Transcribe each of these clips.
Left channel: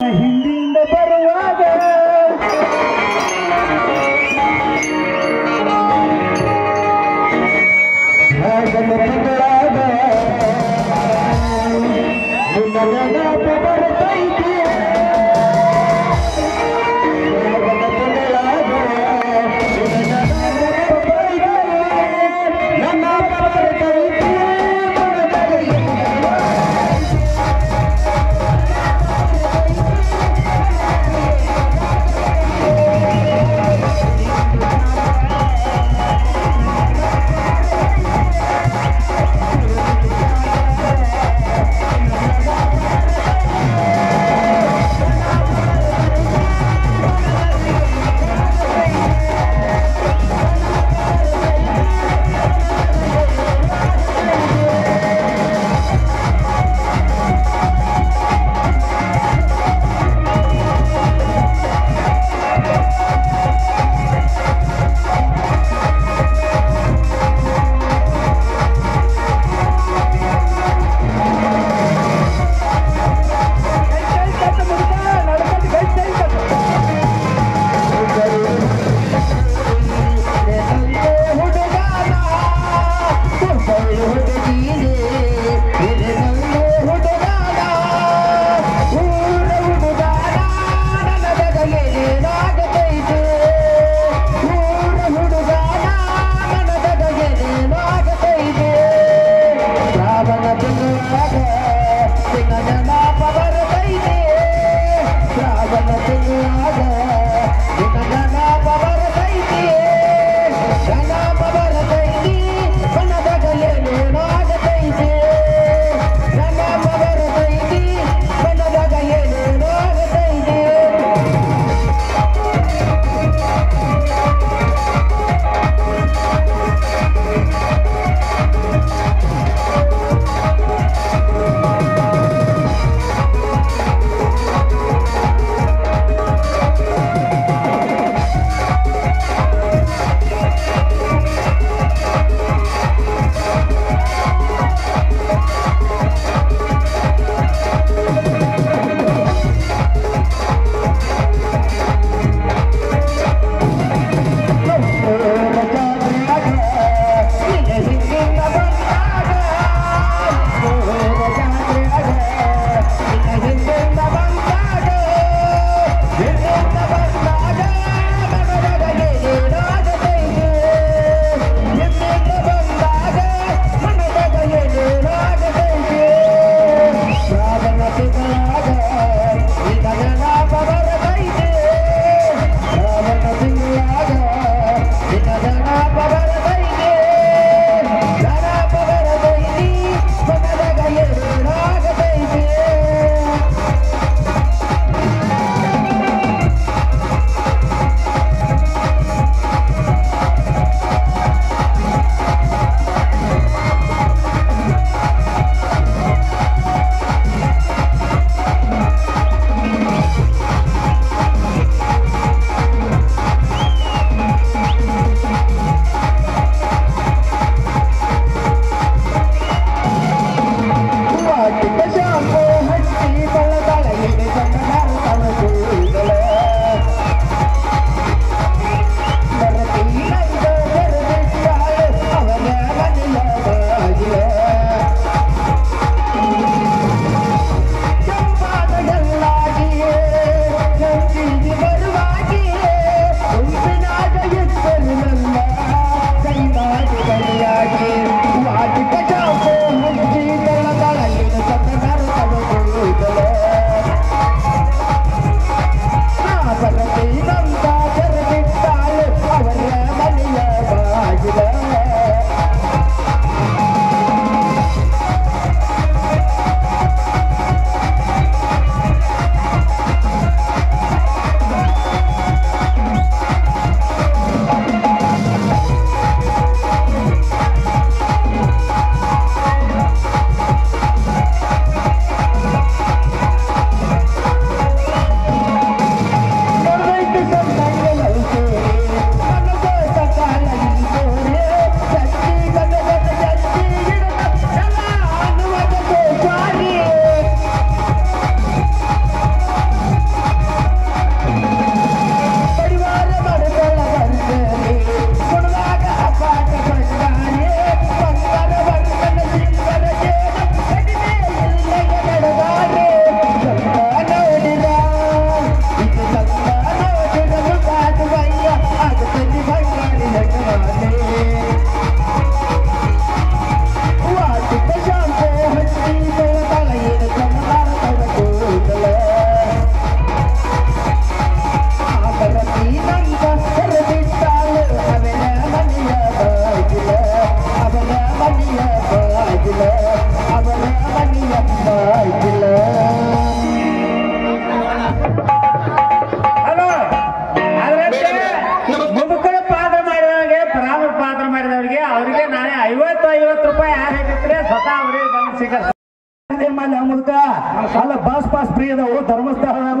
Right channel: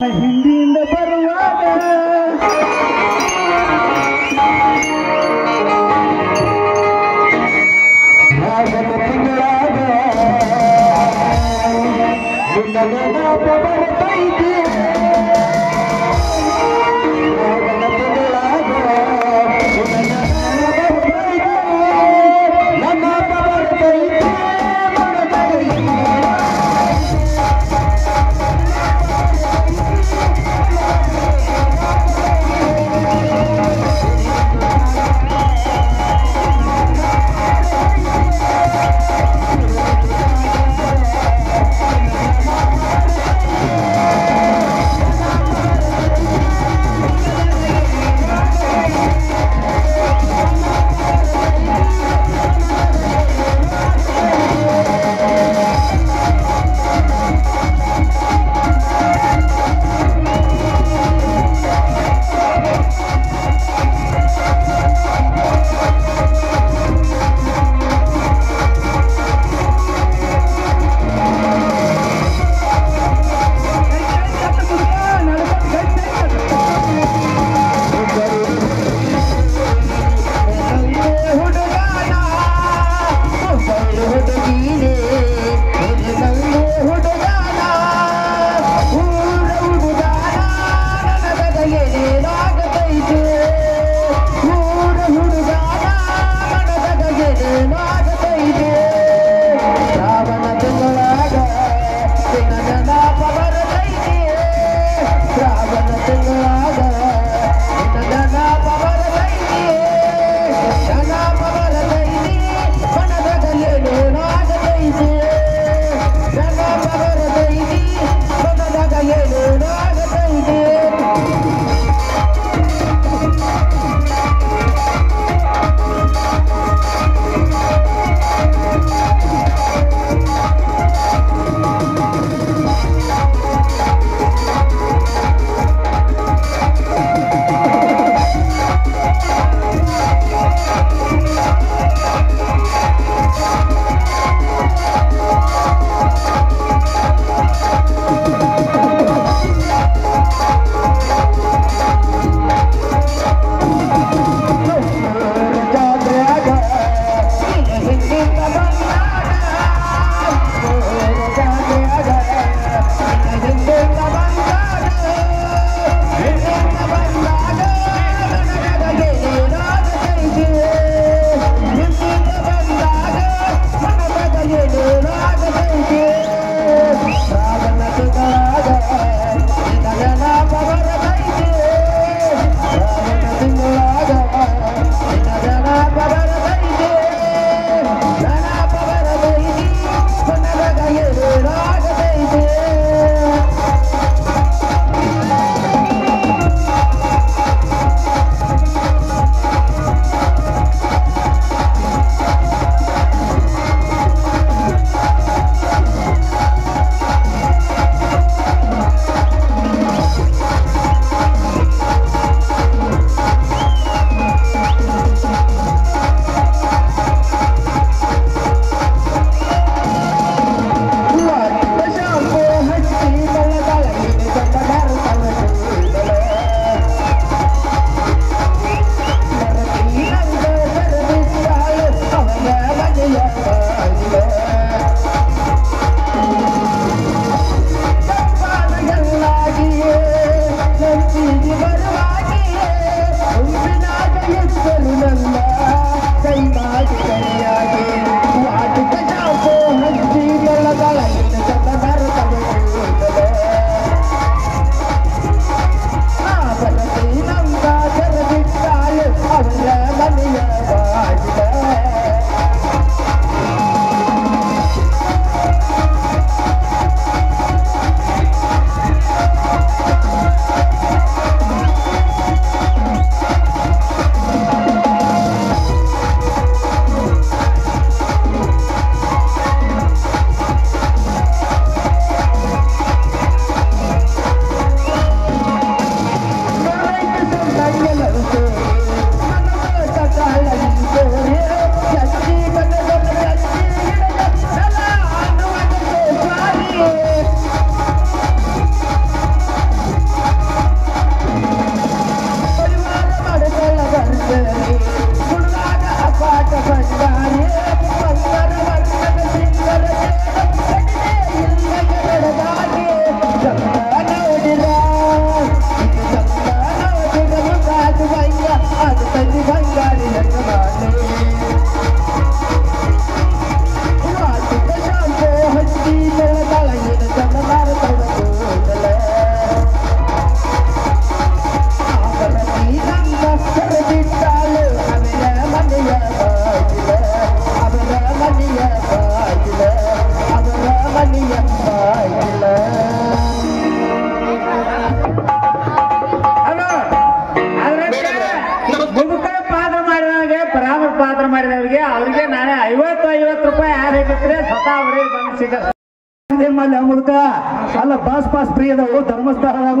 ಹಿಂದಿಯಿಂದ ಬರುವಾಗ ರಾಗನ ತಿಂಗಳಾಗ ನಿನ್ನ ಬರ್ತೈತಿ ರಾಗನ ತಿಂಗಳಾಗ ನಿನ್ನ ಬರ್ತೈತಿ ನನ್ನ ಬರ್ತೈತಿ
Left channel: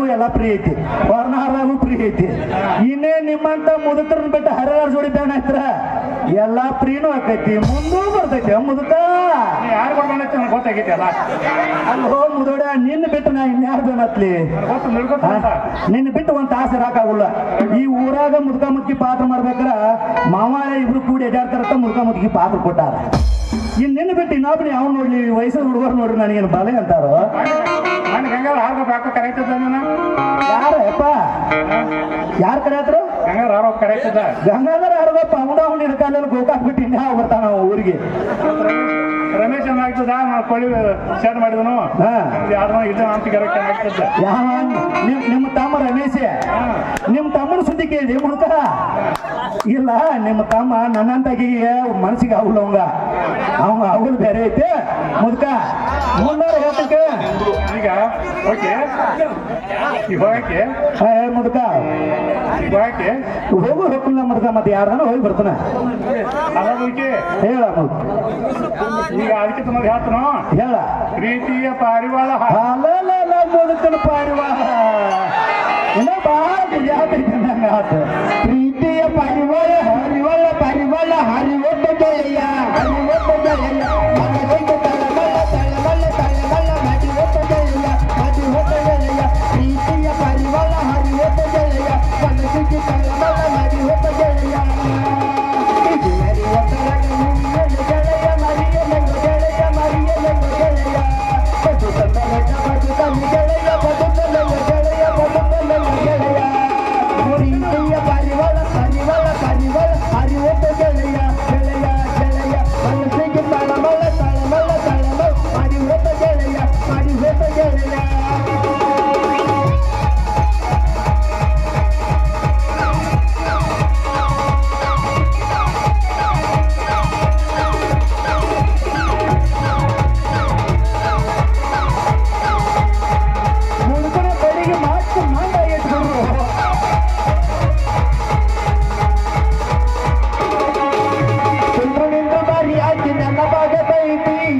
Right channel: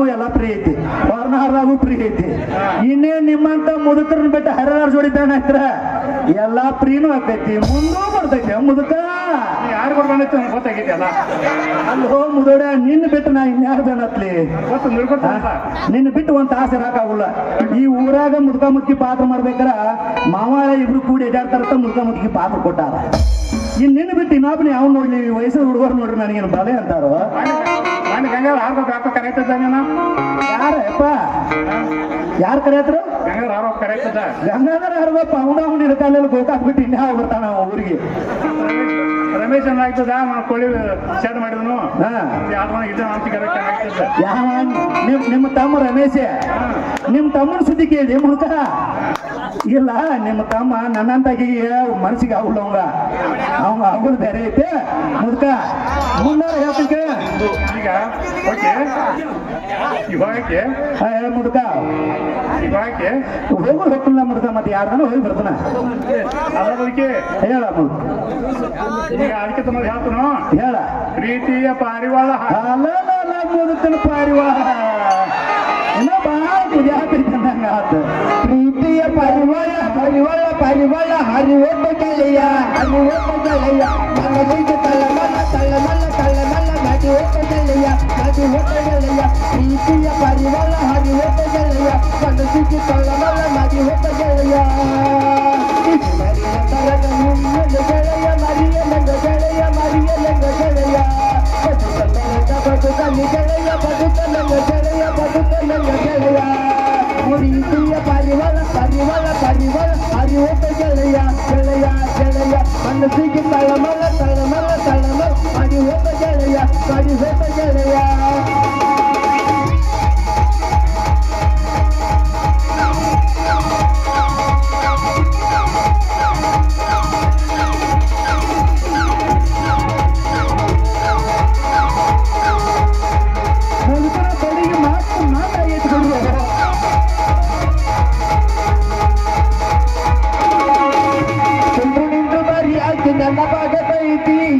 ಎಲ್ಲ ಫ್ರೀ ಐತಿ ಹೊರನಾರಾಗೂ ಫ್ರೀ ಐತಿ ಇನ್ನೇ ನಿಮ್ಮಂತ ಮುದುಕರನ್ನ ಬಿಟ್ಟು ಹರಿದಾರ ಜೋಡಿ ಬ್ಯಾನ್ ಹಾಕ್ರ ಎಲ್ಲಾ ಫ್ರೀನೂ ಆಕೈತಿ ಮುಂದೂ ಬರ್ತೈತಿ ಮುದುಕ ಯಾರು ಬಿಡ್ಬಂದೈತಿ ನನಗೆ ಗೊತ್ತಾಗೈತಿ ಅಲ್ಲ ಅಲ್ಲೋ ಮುದೋಡ ನಿನ್ನ ಬಿಟ್ಟು ನಾ ಇನ್ಯಾರು ಬ್ಯಾನ್ ಹತ್ಲಿ ನಿನ್ನ ಬಿಟ್ಟು ಒಂದ್ ತಾಸು ಇರಾಕಾಗುಲ್ಲ ಈ ಊರಾಗ ಮುದುಕ ಮುದುಕಿ ಪಾತ್ರ ಮಾಡ್ಬೇಕಾರ ಮಾವಾಳ ಇಬ್ರು ಕೂಡಿ ಎಡಾಡ್ತಾರತ್ತ ಮುದುಕ ಮುದುಕಿ ಪಾತ್ರ ಕೊಟ್ಟಾರ ಇನ್ ನಿನ್ನ ಬಿಟ್ಟು ಇನ್ನೊಬ್ರು ಯಾವ ನೋಡ್ಲಿ ವಯಸ್ಸದ ಹುಡುಗರು ನೋಡ್ರಿ ನನಗೇನು ಬಾಲೆ ಅಂತಾರೋ ನಾನು ಗಂಗಾರ ಆರೋಪ ಯಾಕೋ ಕರೆಯಕ್ತದ ನೀನು ಯಾರಪ್ಪ ಯಾರು ಕರೆಯತ್ರು ಗಂಗಾರ ಆರೋಪ ಕರೆಯಕ್ತದ ಗಂಗಾಧರ ಹರಗಪ್ಪ ಅವನ ಹುಡಿದ ಕಾಲಲ್ಲಿ ಗೋಕಾಕ್ ಬಿಟ್ಟು ಇನ್ಯಾವ ಬರ್ತಾನ ಊರಿಗೆ ರಮೇಶ್ ಆಗ್ತದ ನಾವು ಕೊಳ್ಳಿ ಶೇರ್ ಮಾಡಿದನು ಯಾರು ಇದು ಅಂತ ಕರೆಕ್ಟ್ ಯಾವ ನಿಮ್ಮ ತಮ್ಮ ರಮೇಶ್ ನಿಮ್ಮ ತಮ್ಮನ ಸುದ್ದಿ ಕೇಳಿ ಮುದುಕ ಇಲ್ಲ ನಿಮ್ಮ ತಮ್ಮ ನನ್ನಂತಾಗಿಗೆ ಮನಸ್ಸಿಗೆ ಆಗುಲ್ಲ ಅವಂಗ ಆಗುದು ಬೇರೆ ಐತೆ ಮುದುಕ ಮುಂದಾರ ಹೇಳ್ತಕ್ಕೆ ಈಗ ಓಕೆ ಈಗ ಹೋಗಕ್ಕೆ ಹೇಳ ಮುದುಕ ಈಗ ಹೋಗಕ್ಕೆ ಹೋಗು ಹೋಗ್ತಿಲ್ಲ ಮುದುಕ ಮತ್ತೆ ಯಾರ್ದಾನ ಹೋಗಿ ಬರ್ತಾನ ಅದ ಬಗ್ಗೆ ಹೇಳ ಮುದುಕ ಈಗ ಅದಕ್ಕೆ ತಮ್ಮ ಹೇಳ್ತಾನು ಹೇಳ ಪ್ರೀತಿಯ ಪಾರಿವಾಳ ಅಲ್ಲ ಮುದುಕನ ಪಾರಿವಾಳ ಇನ್ನ ಬಹಳ ಗುಜಾತೈತೆ ಅಂದಂಗ ಆತು ಪ್ರೀತಿಯ ಪಾರಿವಾಳ ಪರಿವಾಳ ಪರಿವಾಳ ಹರಿವೊಟ್ಟ ಗೆಳೆಯ ಹರಿವೊಟ್ಟ ಗೆಳೆಯ ಮನಸ್ಸಿಗೆ ತಳಮಳ ತಳಮಳ ತಳಮಳ ಮಡಿ ಒಟ್ಟ ಗೆಳೆಯ ಮಡಿ ಒಟ್ಟ ಗೆಳೆಯ ಪ್ರೀತಿಯ ಪಾರಿವಾಳ ಹರಿವೊಟ್ಟ ಗೆಳೆಯ ಮನಸ್ಸಿಗೆ ತಳಮಳ ಮಡಿ ಒಟ್ಟ ಗೆಳೆಯ ಗೆಳೆಯ ಮರಿಯಲಂಗ ಗೆಳೆಯ ಮರಿಯಲಂಗ ಗೆಳೆಯ ಬದುಕಲಂಗ ಬದುಕಲಿ ಗೆಳೆಯ ಬದುಕಲಂಗ ಗೆಳೆಯ ಬದುಕಲಂಗ ಗೆಳೆಯ ಪ್ರೀತಿಯ ಪರಿವಾಳ ಪರಿವಾಳ ಪರಿವಾಳ ಹರಿವೊಟ್ಟ ಗೆಳೆಯ ಗೆಳೆಯ ಗೆಳೆಯ ಮನಸ್ಸಿಗೆ ತಳಮಳ ತಳಮಳ ತಳಮಳ ಹರಿವೊಟ್ಟ ಗೆಳೆಯ ಹರಿವೊಟ್ಟ ಗೆಳೆಯ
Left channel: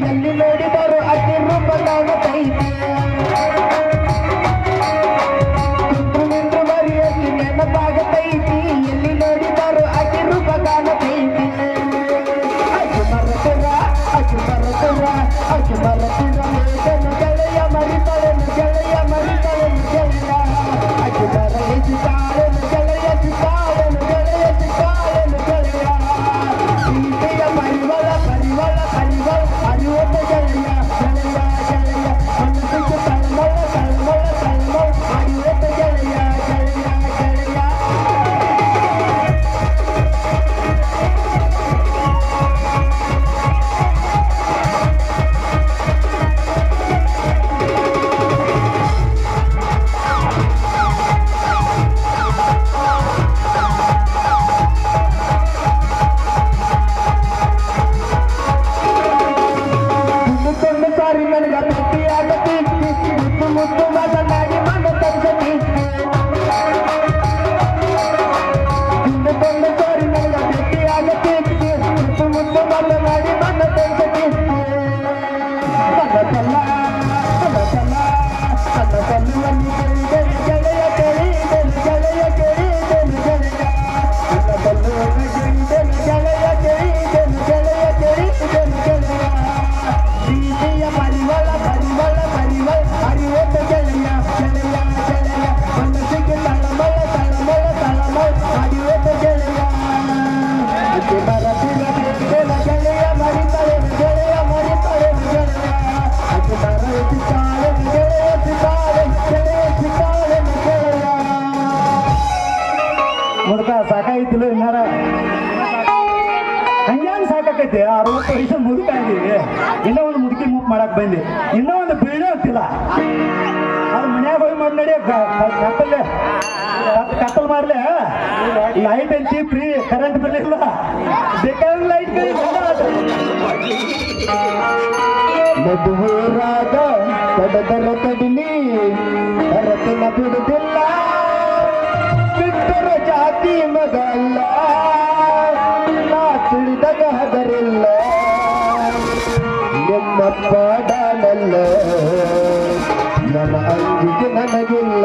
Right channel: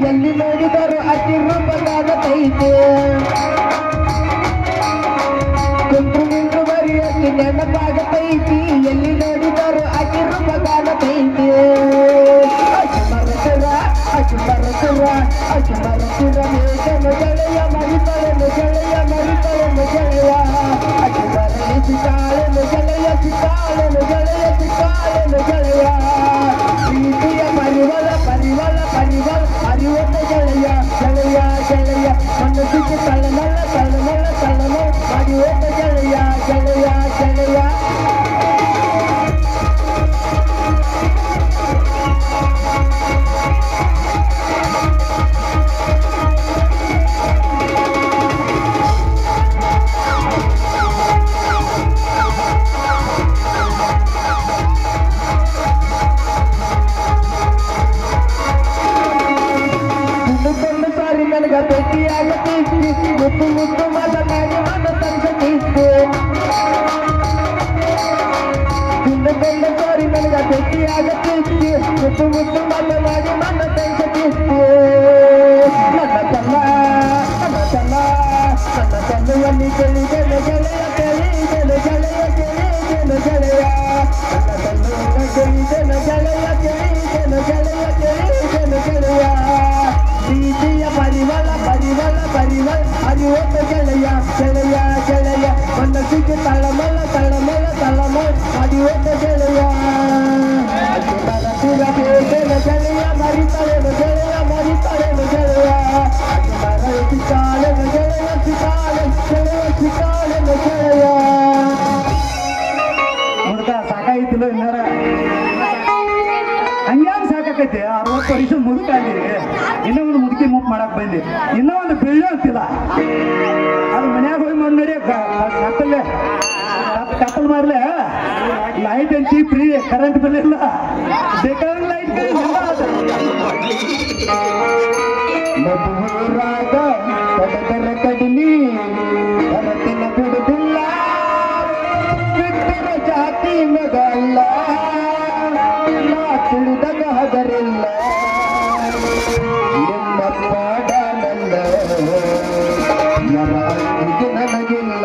ಎಲ್ಲಿ ನೋಡಿದರು ಅತಿ ರೂಪಗಾನತೈತೆ ಕುಂತ್ರು ನಿಂತು ಬರಿ ಅತಿ ನೆನಪಾಗತೈತಿ ಎಲ್ಲಿ ನೋಡಿದರು ಅತಿ ರೂಪಗಾನತೈತಿ ಅಕ್ಕಿ ಮರಸಿರ ಮೇಕನು ಗೆಳೆಯ ಮರಿತಳೆನು ಗೆಳೆಯ ಮರಿತಳೆನು ಗೆಳೆಯ ಅಕ್ಕಿ ಬರಲಿ ಸಿಕ್ಕಾಳೆನು ಗೆಳೆಯ ಸಿಕ್ಕಾಳೆನು ಗೆಳೆಯ ಸಿಕ್ಕಾಳೆನು ಗೆಳೆಯ ಪ್ರೀತಿಯ ಪರಿವಾಳ ಪರಿವಾಳ ಪರಿವಾಳ ಹರಿವೊಟ್ಟ ಗೆಳೆಯ ಗೆಳೆಯ ಗೆಳೆಯ ಮನಸ್ಸಿಗೆ ತಳಮಳ ತಳಮಳ ತಳಮಳ ಹರಿವೊಟ್ಟ ಗೆಳೆಯ ಗೆಳೆಯ ಗೆಳೆಯ ಸಾಕಾಗಿತ್ತಿಲ್ಲ ಇನ್ನಾರ ಹಂಗ್ಯಾಂಗ ಸಾಕಾಕೈತಿ 60 ವರ್ಷ ಮುದುಕ ಆಗಿದೆ ಇನ್ನೂ ಒಂದು ಮುದುಕಿ ಮೂಪ್ ಮಾಡಕ್ ಬಂದಿ ಇನ್ನೂ ಒಂದು ಬಿಳಿ ಅಂತಿಲ್ಲ ಅದು ಮನ್ಯಾಗ ಹೋಗಿ ಮಾಡಿ ನೋಡಿ ಕತ್ತಲ್ಲೇ ಕತ್ತಲ್ ಮಾರ್ಲೆ ಲೈಟ್ ಹಂಚಿ ಫ್ರೀ ಕರೆಂಟ್ ಬಿಲ್ ಇಲ್ಲ ಬೇಕಾದ ಲೈಟ್ ಬಿಲ್ ಊರಾಗ ಕಡದರ ಕಡಿಮೆ ಭರತನ ಬಿಡುದಿಲ್ಲ ಬಿಟ್ಟರ ಜಾತಿ ಮಗಲ್ಲ ನಾ ತಿಳಿದಾಗ ಹದರಿಲ್ಲ ಎನ್ನಪ್ಪ ಡಾಲಲ್ಲ ನರ ಅಂಜಿಗೆ ನನಗಿಲ್ಲ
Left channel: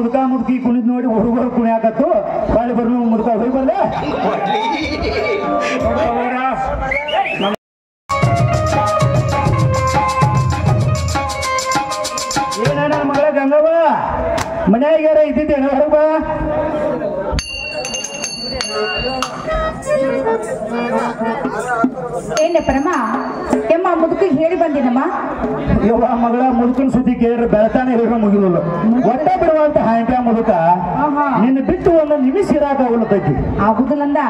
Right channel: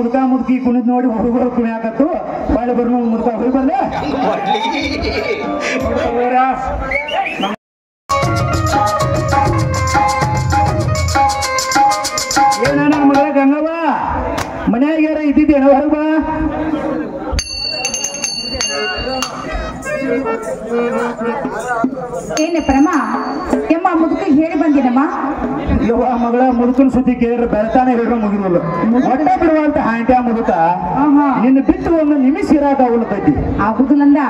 ಮುದುಕಿ ಕುಣಿದ್ ನೋಡಿ ಹುಡುಗರು ಕುಣಿಯಾಕತ್ತು ಬಾಳೆ ಬರ್ನ ಮುದುಕ ಹೋಗಿ ಬರ್ಲೆ ಏನ ನನ್ನ ಮಗಳ ಗಂಗವ್ವ ಮನ್ಯಾಗ ಯಾರ ಇದ್ದಿದ್ದೇನ ಹೊರಗ ಬಾ ಏನೇ ಪರಮ ಎಮ್ಮ ಮುದುಕ ಹೇಳಿ ಬಂದಿನಮ್ಮ ಯವ್ವ ಮಗಳ ಮುದುಕನ ಸುದ್ದಿ ಕೇಳಿದ್ರೆ ಬೆಳತಾನೆ ಹೇಳಿರೋ ಮುಗಿದಲ್ಲ ಒಟ್ಟ ಬಿಡುವಂತ ಹಾಂಟ್ಯಾ ಮುದುಕ ನಿನ್ನ ಬಿಟ್ಟು ಒಂದು ನಿಮಿಷ ಇರಾಕ ಉಳ್ತೈತಿ ಆಗುದಿಲ್ಲಂದ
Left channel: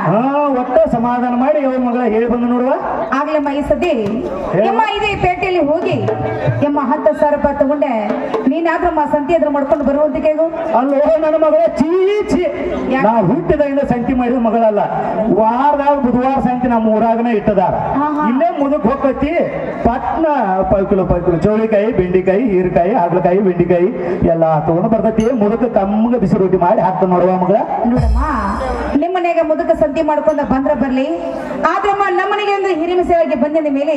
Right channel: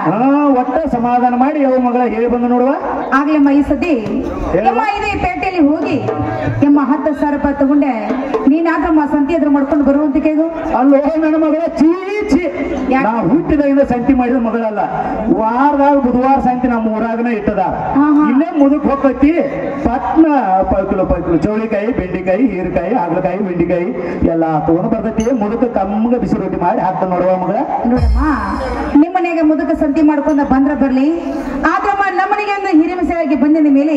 ಒಟ್ಟ ಸಮಾಧಾನ ಮಾಡಿ ಯವ್ವ ಮಗಳ ಹೇಳಿ ಬಂದ ನೋಡುವ ಆಗ್ಲಮ್ಮ ಈ ಸತಿ ಎಮ್ಮ ಇದೇ ಪೇಟೆಯಲ್ಲಿ ಹೋಗಿ ಎಮ್ಮ 10,000 ರೂಪಾಯಿ ತಗೊಂಡೆ ನೀನಾದ್ರಮ್ಮ ಸಂತಿ ಎದುರು ಮಾಡ್ಕೊಂಡು ಬರುವಂತ ಕೇಳು ಅಲ್ಲೋ ನನ್ನ ಮಗಳ ಚೀಚಿ ನಾ ಹುಟ್ಟಿದಾಗಿಂದ ಸಂತಿ ಮಾಡಿದ ಮಗಳಲ್ಲ ವಾರದಾಗ ಬುಧವಾರ ಸಂತಿ ನಮ್ಮ ಊರಾಗನ ಇಟ್ಟದಾರ ಇಲ್ಲೇ ಮುದುಕ್ ಹೋಗತಿ ಪಟ್ನ ಪೈಕುಲು ಚೌಳಿಕಾಯಿ ಬೆಂಡಿಕಾಯಿ ಹೀರೆಕಾಯಿ ಹಾಗಲಕಾಯಿ ಬೆಂಡಿಕಾಯಿ ಎಲ್ಲ ತಗೊಂಡು ಬರ್ತೈತಿ ಮುದುಕ ಕಮ್ಮಗ ಬಿಸಿ ರೊಟ್ಟಿ ಮಾಡಿ ಹಾಕ್ತ ನೋಡುವ ಮಗ ನೋಡಮ್ಮ ನಿಮ್ಮನೆಗೆ ಮುದುಕ ಸಂತಿ ಮಾಡ್ಕೊಂಡ ಬಂದ್ರ ಬರ್ಲಿ ಆದ್ರಮ್ಮ ನಮ್ಮನೆಗೆ ಒಂದು ಹಿರಿಮೆಸೆಯಾಗಿ ಬಂದಿದ ಮೇಲೆ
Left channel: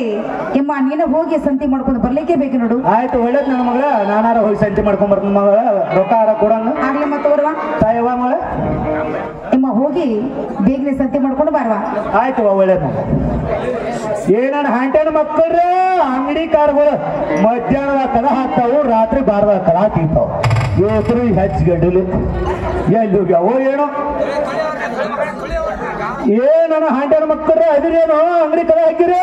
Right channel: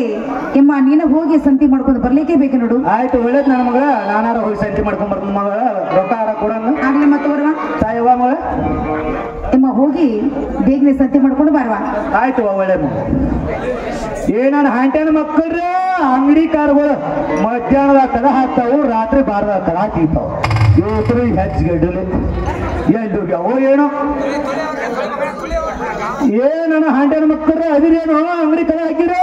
ಎಮ್ಮ ನೀನು ಹೋಗಿ ಸಂತಿ ಮಾಡ್ಕೊಂಡು ಬರ್ಲಿಕ್ಕೆ ಬೇಕು ನೋಡು ಆಯ್ತು ಒಳ್ಳೇದ್ ನನ್ನ ಮಗ ನಾನಾರ ಹೋಗಿ ಸಂತಿ ಮಾಡ್ಕೊಂಡ್ ಬರ್ತೀನಿ ಮಗ ರೊಕ್ಕ ಆರ ಕೊಡಂಗ ಆಗ್ಲಮ್ಮ ತಗೋರ್ವ ತಾಯವ್ವ ಮಗ ಎಮ್ಮ ಹೋಗಿ ಬೇಗನೆ ಸಂತಿ ಮಾಡ್ಕೊಂಡು ಬರ್ವಾ ಆಯ್ತು ಒಳ್ಳೇದ್ ಏನನ್ನ ಹಾಂಟೇನ ಮಕ್ಕಳ್ರ ಅಂಗಡಿ ಕಾರುಗಳು ಮಧ್ಯಾಹ್ನದ ತಲೆ ಹಾಕ್ತಾವು ರಾತ್ರಿ ಬಾರದ ತಲ ಹಾಕಿರ್ತಾವ ಇವತ್ತು ಹೆಚ್ಚಗಡ್ಡಲಿ ಎಲ್ಲಿ ಹೋಗ್ಯಾವೋ ಏನು ಏನನ್ನ ಹಾಂಟೇನ ಮಕ್ಕಳ್ರ ಅದಿರೇನು ಅಂಗಡಿ ತಲೆ ಹಾಕಿರೋ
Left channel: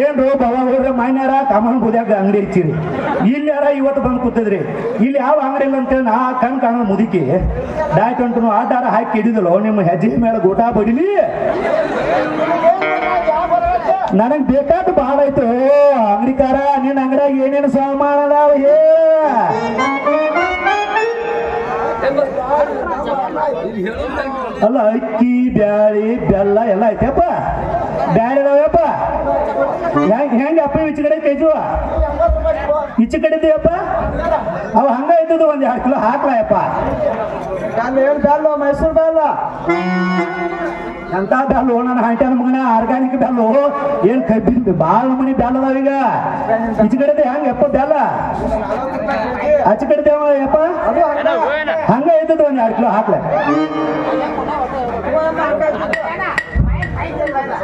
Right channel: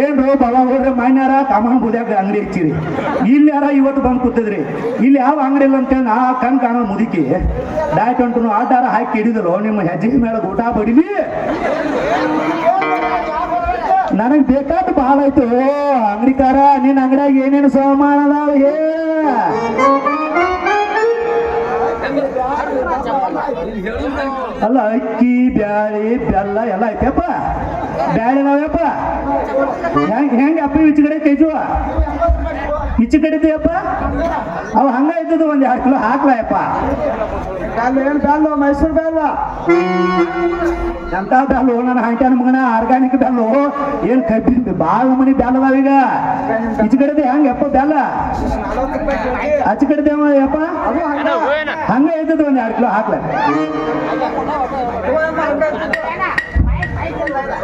ಏನ್ರು ಬಾಬಾ ಹೋದ್ರೆ ಮಾನ್ಯಾರ ಕಾಮನ್ ಬುದ್ಯಾಗ ಅಂಗಡಿ ಹಚ್ಚಿರಿ ಇಲ್ಲಿ ಯಾರ ಇವತ್ತು ಬಂದು ಕೂತಿದ್ರಿ ಇಲ್ಲಿ ಯಾವ ಅಂಗಡಿ ಇಲ್ಲ ಅಂತೇಳಿ ನಾ ಕಣ್ ಕಾಣೋ ಮುದುಕಿ ಡಾಯ್ಟ್ ಅಂಟು ಆಧಾರ ಹಾಕಿ ಹಿಡಿದಲು ನಿಮ್ಮ ಹೆಜ್ಜೆ ಮೇಲೆ ಗೋಟಾ ಬಡಿಲಿ ನನಗ್ ಬೇಕಾದ ಭಾಳ ಆಯ್ತು ಅಂಗಡಿಕಾರ ನಿನ್ನ ಅಂಗಡಿಯಾಗ ಏನೇನು ಸಾಮಾನ ಅದಾವ ಅಲ್ಲ ಅಕ್ಕಿ ಬ್ಯಾಳಿ ಬೆಲ್ಲ ಎಲ್ಲ ಐತೆಪ್ಪ ಬ್ಯಾಳಿ ಅದಾವಪ್ಪ ಹೆಂಗೆ ಅಪ್ಪ ಈಚೆ ಕಡೆ ಕೆಜುವ ಈಚೆ ಕಡೆ ಇದೆಯಪ್ಪ ಅವ ಹಂಗ ಇದ್ದದು ಒಂದ್ 2 ಕಿಲೋ ಹಾಕ್ಲಯಪ್ಪ ಏನ್ ಬೆಲ್ಲು ಮೈಸೂರು ಬೆಲ್ಲ ಎಂತ ಬೆಲ್ಲು ನನ್ನ ಹಾಂಟ್ಯಾನ ಮಗನ ಆರ್ಗ್ಯಾನಿಕ್ ಬೆಲ್ಲು ಏನ್ ಕಬ್ಬಿನ ಬಾಳ ಮನಿ ಬೆಲ್ಲ ಅದಾವೀಗ ಈಚೆ ಕಡೆ ಹೆಂಗಪ್ಪ ಬೆಲ್ಲ ಆಚೆ ಕಡೆ ಯಪ್ಪ ಹಂಗ ಇದ್ದದು ಒಂದ್ 2 ಕಿಲೋ ಹಾಕ್ಲ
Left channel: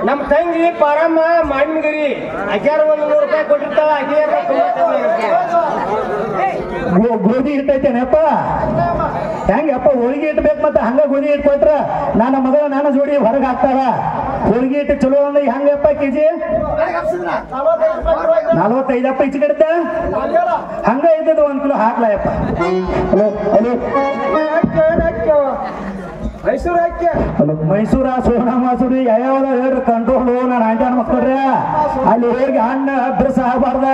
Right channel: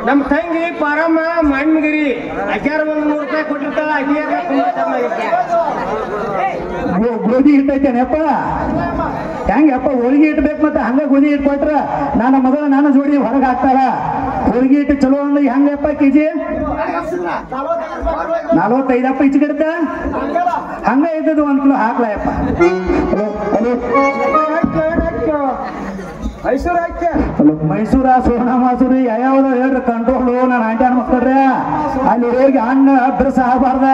ನಮ್ಮ ತಂಗಿ ಪರಮ ಮಣ್ಣಗಿರಿ ಅಗ್ಯಾರ 100 ರೂಪಾಯಿ ಕೊಟ್ಟಿರ್ತಾಳ ಗೋಧಿ ಇಟ್ಟೈತೇನಪ್ಪ ಹೆಂಗಪ್ಪ ಹೋಳಿಗೆ ಇಟ್ಬೇಕು ಮತ್ತೆ ಹಂಗ ಗೋಧಿ ಇಟ್ಕೊಟ್ರ ನನ್ನ ಮಗಳು ನಾನು ಜೋಡಿ ಹೊರಗೆ ಹಾಕ್ತಾರ ಹೋಳಿಗೆ ಇಟ್ಟು ಚಲೋ ಅಂದ್ರೆ ಹೆಂಗಪ್ಪ ಕೆಜಿ 45 ಈಚೆ ಕಡೆ ಹಂಗ ಇದ್ದದು 1 ಕಿಲೋ ಹಾಕ್ಲಯಪ್ಪ ಹಲೋ ಹಲೋ ಮೈಸೂರ ಸೋಣ ಮಾಸೂರಿ ಯಾವ್ಯಾವ ಹೇಳ್ರಿ ಕಂಟ್ರೋಲ್ ನಾನು ಹಾಂಟ್ಯಾನ ಮಕ್ಕಳ್ರಿ ಅಲ್ಲಿ ಹೋಗಿ ಹಣ್ಣ ಅಭ್ಯಾಸ ಆಗಬಾರ್ದ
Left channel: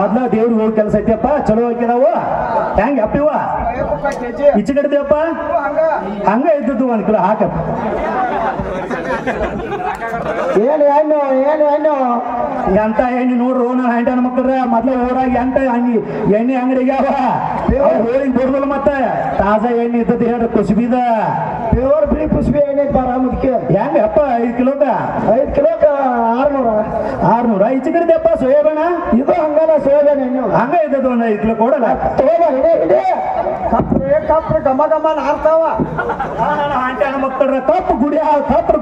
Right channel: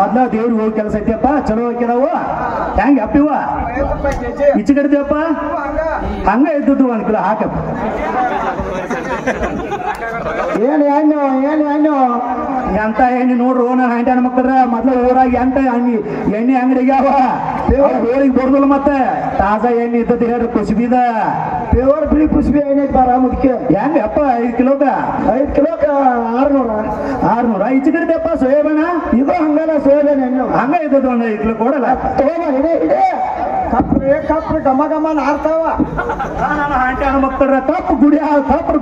ಮೊದ್ಲ ದೇವ್ರಿಗೆ ಹೋಗಿ ಕೆಲಸ ಐತಿಯಪ್ಪ ಚಲೋ ಹಾಕಿದಾವು ಹೆಂಗ ಅಪ್ಪಿವ ಈಚೆ ಕಡ್ತೀವಪ್ಪ ಹಂಗ ಇದ್ದದ್ದು 1 ಕಿಲೋ ಹಾಕಪ್ಪ ಏನು ಎಂತ ಎಣ್ಣೆ ನೋಡ್ರು ನನ್ನ ಹಾಂಟ್ಯಾನ ಮಕ್ಕಳ್ರ ಮೊದ್ಲು ಊರಾಗ ಎಂತ ಎಣ್ಣೆ ಅಂಗಡಿಗ್ಯಾವ ಹೋಳಿಗೆ ಬಡ್ದಲ್ಲ ಮತ್ತೆ ತಾಜಾ ಎಣ್ಣೆ ಇದ್ದದ್ದು ಹೇಳ್ರಿ ಕುಸ್ಬಿದ ಪ್ಯೂರ್ ಬಿಳಿ ಕುಸ್ಬಿ ಎಣ್ಣೆ ಬರ ಮುದಕ್ಕೆ ಹೆಂಗಪ್ಪ 5 ಕಿಲೋಕ 5 ಕಿಲೋಕ 600 ಈಚೆ ಕಡೆದಪ್ಪ ಸೋಯಾಬೀನ ಇದು ಹಂಗಲ್ಲ ಸೋಯಾಬೀನ್ ಎಣ್ಣೆ ಹಂಗ ಇದ್ದದ್ದು 1 5 ಕಿಲೋ ಕೊಡಲ್ಲ ಕಪ್ಪು ಗಮ ಗಮ ನಾರ್ತಾವ ನನ್ನ ಹಾಂಟ್ಯಾನ ಮಕ್ಕಳ್ರ ಕಪ್ಪು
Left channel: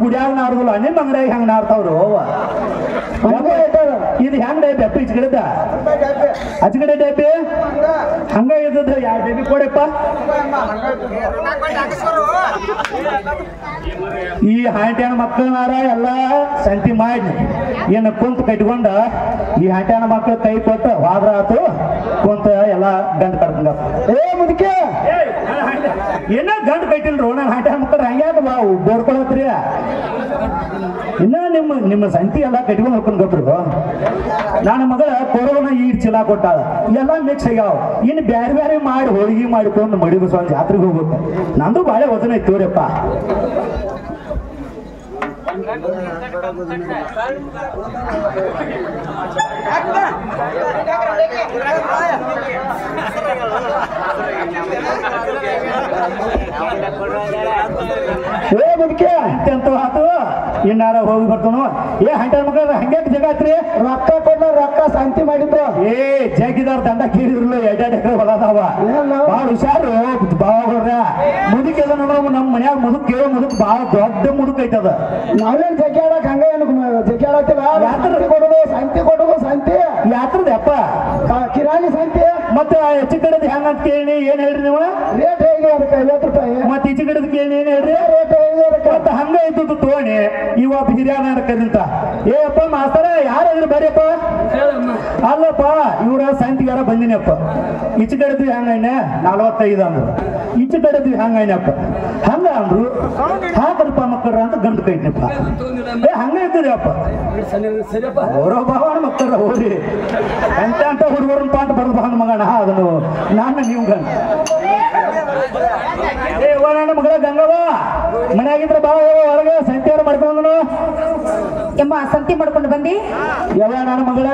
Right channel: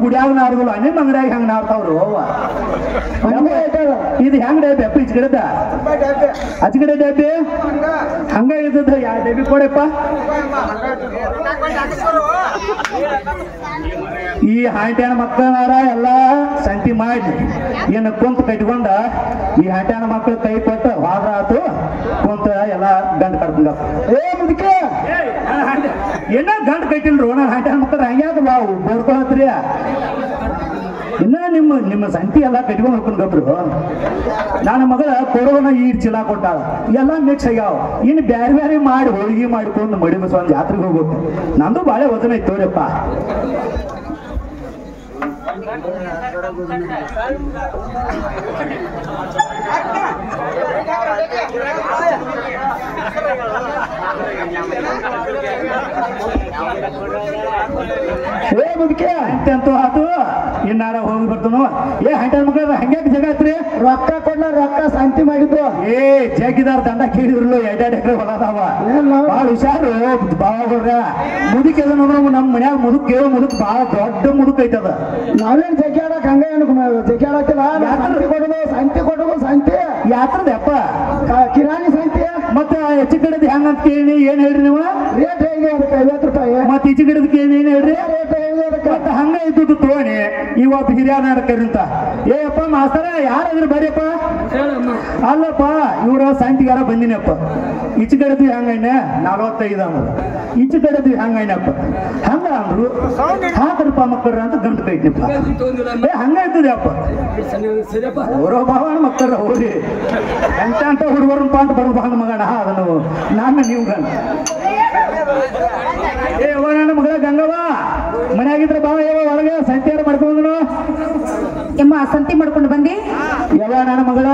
ಗುಡಿಯಾಗ ನಾರ್ದಲ್ಲ ನಿಮ್ಮ ಅಂಗಡಿಯಾಗ ಹಂಗ ನಾರ್ತಾವ್ರು ಅವ್ವ ಇದು ಹೆಂಗ ಡಬ್ಬಿ ಈಚೆ ಕಡೆದ ಆಚೆ ಕಡೆ ಡಬ್ಬಿ ಹಂಗ ಇದ್ದದ ಯಾವ ಡಬ್ಬಿ ಕೊಡಪ್ಪ ಈ ಹಾಂಟ್ಯಾನ ಮಕ್ಕಳಾರ ಎಲ್ಲ ಸಂತಿ ಮಾಡಿ ಏನು ಕುಂತ ಕಟ್ಕೊಂಡ ಈ ಹಾಂಟ್ಯಾನ ಮಕ್ಕಳ ಕೈ ಕೊಟ್ಟು ಹೋದ್ರ ಆತು ಕುಂತ ಎಲ್ಲ ಗಂಡ ಕಟ್ಕೊಂಡ ಮುದಕ್ಕೆ ಏನ ಗಂಡ ಕಟ್ಟಿಲ್ರು ನನ್ನ ಹಾಂಟ್ಯಾನ ಮಕ್ಕಳ ಹಂಗ್ಯಾಕ ಬಾವು ಬೋರ್ಕೊಳತ್ರಿ ಇನ್ನ ನಿಮ್ಮ ಸಂತಿ ಎಲ್ಲ ಕಟ್ಕೊಂಡು ಹೋಗ್ಕೊಂಡ್ರು ನನ್ನ ಮಗಳ ಕೊರೋನಾ ಈಡ್ ಚೀಲ ಕೊಟ್ಟಾಳ ಎಲ್ಲ ಮಿಕ್ಸ್ ಆಗ್ಯಾವ ಇನ್ನು ಬ್ಯಾರೆ ಮಾಡಿ ಹೋಳಿಗೆ ಮಾಡಿಕೊಂಡು ಮಡಿ ಬಸವ ಜಾತ್ರೆಗೆ ಹೋಗ್ಬೇಕು ನಂದು ಬಾಳೆ ವಚನ ಇತ್ತು ರೀಪ್ಪ ಅಂತೂ ಆತು ಇನ್ನಾರ ಹೋಗಿ ಬರ್ತಾನು. ಏ ಹಂಟರ್ ಮಕ್ಕಳ ಹಂಗ್ಯಾಕ ಜಗ ಆತ್ರಿ? ರೊಕ್ಕ ಕೊಡ್ಲ ರೊಕ್ಕ ಶಾಂತಿ ಮಾಡಿದ್ದು. ಏ ಜಗಿದಾರ ದಂಡ ಕೇಳಿದ್ರಲ್ಲ 2 ಎಕರೆ ಹೊಲ ಅದಾವ. ಭಾಳ ಹುಷಾರು ಬಾವ್ರ ಮುದುಕೆಲ್ಲ ನೋಡ್ರ ನಮ್ಮ ಮನ್ಯಾಗ ಮುದುಕ್ ಕೇಳೋ ಮುದುಕ್ ಭಾಳ ದೊಡ್ಡ ಮುದುಕ್ ಐತದ. ನಾವೇನ್ ಜಗ್ಯಾಡಕ್ ಹಂಗ ಜಗ್ಯಾಡಕ್ಕಿಲ್ಲ. ಶಾಂತಿ ಕೊಡೋದು ಶಾಂತಿ ಯಾತ್ರದ ಅಪ್ಪ ಕಿರಾಣಿ ಶಾಂತಿ. ಮತ್ತ ಹೆಚ್ಚು ಕಡೆದ ಹೆಂಗ ಅಂತ ಕೇಳಿ ಏನ್ ಹೇಳ್ರಿ ನೀವು? ರೇಟ್ ಹೇಗೆ ₹50. ಮತ್ತ ಈಚೆ ಕಡೆದ ಕೇಳಿ ಏನ್ ಹೇಳ್ರಿ? ರೇಟ್ ಹೇಗೆ ಮತ್ತ ಹಂಗ ಇದ್ದು ತೋಣಿ ಇವತ್ತು ಹಿರಿಯಾರ ಕರಿಂತ. ಏ ಅಪ್ಪ ಮಾಸ್ತರ ಯಾರಾದ್ರೂ ಬರ್ರಿಯಪ್ಪ. ಅಲ್ಲಪ್ಪ ಇವ್ರ ಶಾಂತಿಗಾರ ಬಂದಿನಪ್ಪ. ಈಚೆ ಕಡೆದು ಹೆಂಗೈನೆ 45 ಅಂದ್ರು. ಈಚೆ ಕಡೆದು ಹೆಂಗೈನಪ್ಪ ಹಂಗ ಅಂದ್ರು. ಹಾಕರಪ್ಪ ಮಕ್ಕಳ ಅಂತ ಗಂಟು ಕೈತಿಪ್ಪ. ಏ ಹಂಗ ಇರ್ತದೆ ಅಪ್ಪ ಅವರ ಭಾವನ ಮಕ್ಕಳ ಹೋಗಿ ಎಂತ ಹುಡುಗರಪ್ಪ ಅಂತ ಬರೋದು ಹಂಗ ಮಗನ ಅದನ್ನು ನಾನು ನೀವು ಗಂಡ. ಏ ನನ್ನ ಮಗಳ ಗಂಗವ್ವ ಮನೆಯಾಗಿದ್ರ ಬಾ ಒಳಗೆ ಸಂಚಾರ ಮಾಡ್ಕೊಂಡು ಎಮ್ಮ ಸಂತಿ ಮಾಡ್ಕೊಂಡು ಬಂದಿ. ಎಲ್ಲ ನನ್ನ ಮಗಳ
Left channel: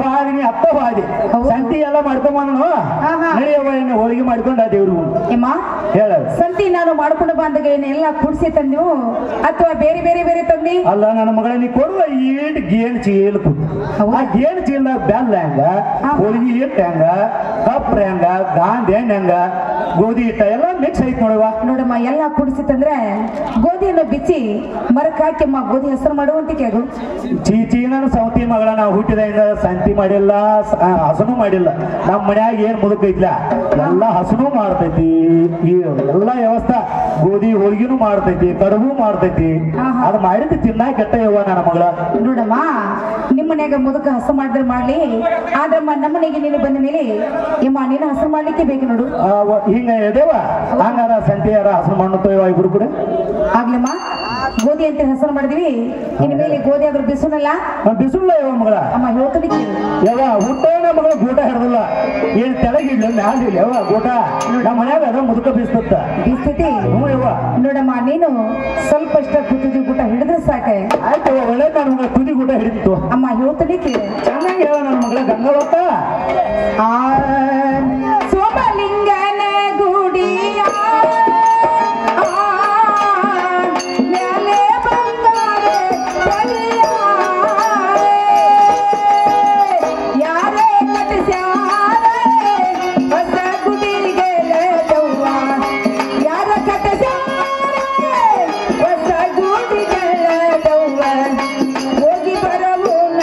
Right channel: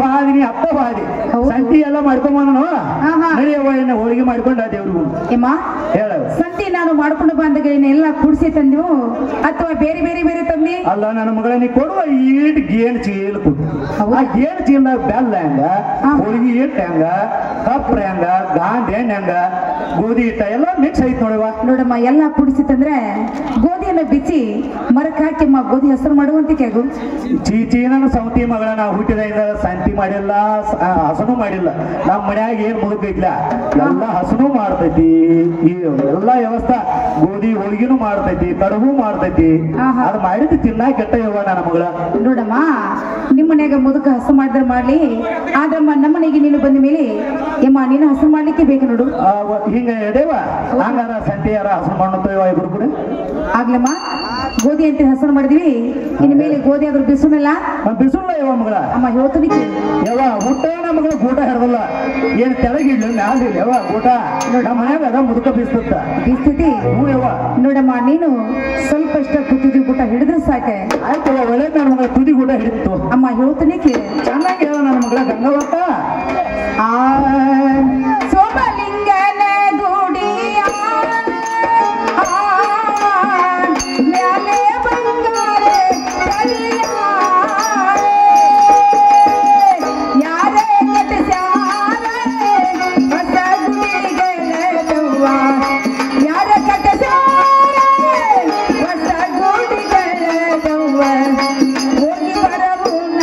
ಬಾರಿ ಅಪ್ಪ ಬಾರಿ ಸಂತಿ ಎಲ್ಲ ಮಾಡ್ಕೊಂಬನು. ನಡೆಯವ್ವ ಹೋಳಿಗೆ ಮಾಡ್ಕೊಂಡ ದೇವ್ರು. ಎಮ್ಮ ಹೇಳ ಸಂತಿ ನಾನು ಮಾಡ್ಕೊಂಡು ಬಂದಗಳನ್ನ ಎಲ್ಲ ಕುಡಿಸಿ ತಂದು ಅಥವಾ ಬೇರೆ ಬೇರೆ ಬೇರೆ ತಂದಿ? ಅಲ್ಲ ನನ್ನ ಮಗಳ ನೀ ಕೊಡುವ ಈಟ್ ಗೇಣ್ ಚೀಲ ಕೊಡು. ಆ ಗೇಣ್ ಚೀಲದಾಗ ಬೆಲ್ಲ ಹೆಂಗ, ಹೋಳಿಗೆ ಹಿಟ್ಟು ಹೆಂಗ, ಕಪ್ರ ಹೆಂಗ, ಗಾಂಧಿ ಹೆಂಗ, ಗೋಧಿ ಹಿಟ್ಟ ಎಲ್ಲ ಮಿಕ್ಸ್ ಐತ್ ನೋಡವ. ನೋಡಮ್ಮ ಎಲ್ಲ ಕುಡಿಸಿ ತಂದ್ರೆ ಗೋಧಿಯನ್ನು ಬಿಚ್ಚಿ ಮರಕ್ ಹಾಕಿಮ್ಮ ಗೋಧಿ ಹೆಸರು ಮಾಡುವಂತ ಕೇಳು. ಚೀಚಿ ನಾನು ಸೌತಿ ಮಗಳ ನಾವು ಹುಟ್ಟಿದಿಂದ ಸಂತಿ ಮಾಡಿಲ್ಲ, ಹಸನು ಮಾಡಿಲ್ಲ. ನಮ್ಮ ಮನ್ಯಾಗ ಏನ್ ಮುದುಕ ಐತ್ಲ ಎಲ್ಲ ಹಸನು ಮಾಡ್ತೈತಿ. ಈ ಎಲ್ಲ ವ್ಯವಸ್ಥೆ ಗೋಧಿ ಹೋಳಿಗೆನು ಮಾಡ್ತೈತಿ, ಕಡುಬು ಮಾಡ್ತೈತಿ. ಅದು ಮಾಡಿದ್ದು ತಿನ್ನಾಕ ಕೆಟ್ಟ ಯವ್ವ ನನ್ನ ಮಗಳ. ನೋಡಮ್ಮ ನಿಮ್ಮ ಮನ್ಯಾಗ ಮುದುಕ ಹಸು ಮಾಡಿದ್ರೆ ಮಾಡ್ಲಿ, ಆದ್ರಮ್ಮ ನಮ್ಮ ಮನೆಗೆ ನೀನು ಬಂದ ಮೇಲೆ ಎಮ್ಮ ನೀನು ಹಸು ಮಾಡ್ಲಿಕ್ಕೆ ಬೇಕು ನೋಡು. ಹಿಂಗ ಎದೇವ ಹಂಗಾರ ಸಂತಿಯಾರ ಹಸನು ಮಾಡ್ತೇವ ಇಬ್ರು ಕೂಡ. ಆಗ್ಲಮ್ಮ ಗೋಧಿ ಅಂತ ಹೆಸರು ಮಾಡಿದ್ವಿ. ಇನ್ ಮೇಲೆ ಗೋಧಿ ಆದ್ರೂ ಬಿಸುನಲ್ಲ ಬಿಸುಲ್ಲ ಯವ್ವ ಮಗಳ. ಅಮ್ಮ ಹೇಳ್ತಾನೆ ಯವ್ವ ಊಟ ನಮ್ಮ ಮಗಳ ಗೂಟ ಹಿಡ್ದಲ್ಲ ಏನ್ ತೆಳಗಿಡ್ಲ ಮ್ಯಾಲ ಯವ್ವ ಗೂಟ ನಮ್ಮ ಮನ್ಯಾಗ ಅದ ಮುದುಕ ಬೀಸ್ತತ್ತ ಬೀಸ್ತತಿ. ಹ್ಞೂ ಯವ್ವ. ನೋಡಮ್ಮ ನೀನು ಸ್ವಲ್ಪ ಅಷ್ಟ ಕುತ್ತಿಗೆ ಊಟ ಹಿಡಿದ್ರೆ ಸಾಕೆ. ಆಯ್ತು ಒಳ್ಳೆ ನನ್ನ ಮಗಳ ತುದಿ ಊಟ ಹಿಡಿತು. ಅಮ್ಮ ಹೇಳ್ತಾನೆ ಚೆನ್ನಾಗಿ ಹೇಳ ನನ್ನ ಮಗಳ ಗಂಗವತ್ತ. ಸೋಮಲಿಂಗನ ಗುಡಿಯ ಯಾರೇ ಕಟ್ಟಿಸ್ಯಾರ ಹೊಸ ಗುಡಿಗೆ ಯಾರ ಕಟ್ಟಿಸ್ಯಾರ ಹೊಸ ಗುಡಿಗೆ ಹೋಗಿ ಬರಲೂನ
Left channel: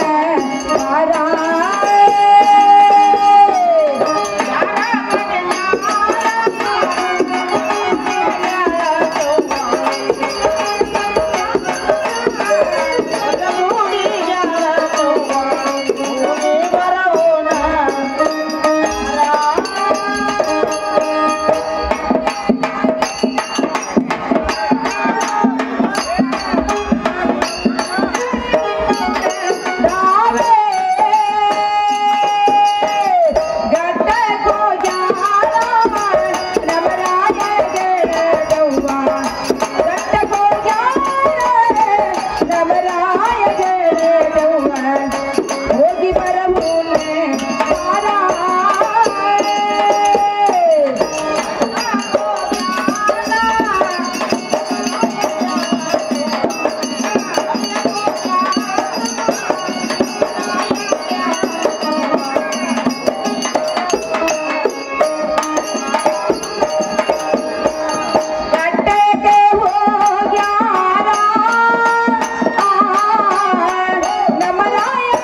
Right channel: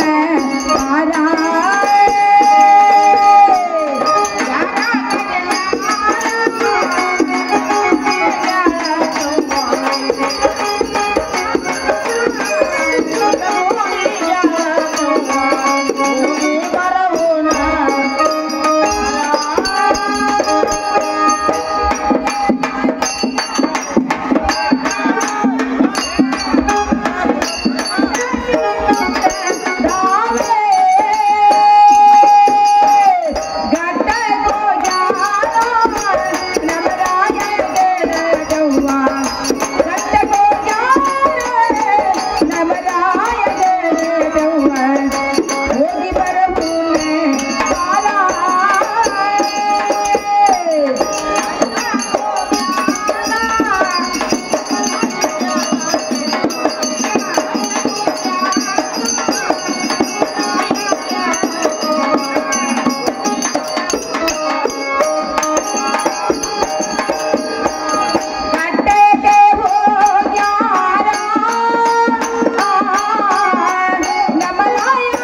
ನಮರಾಯ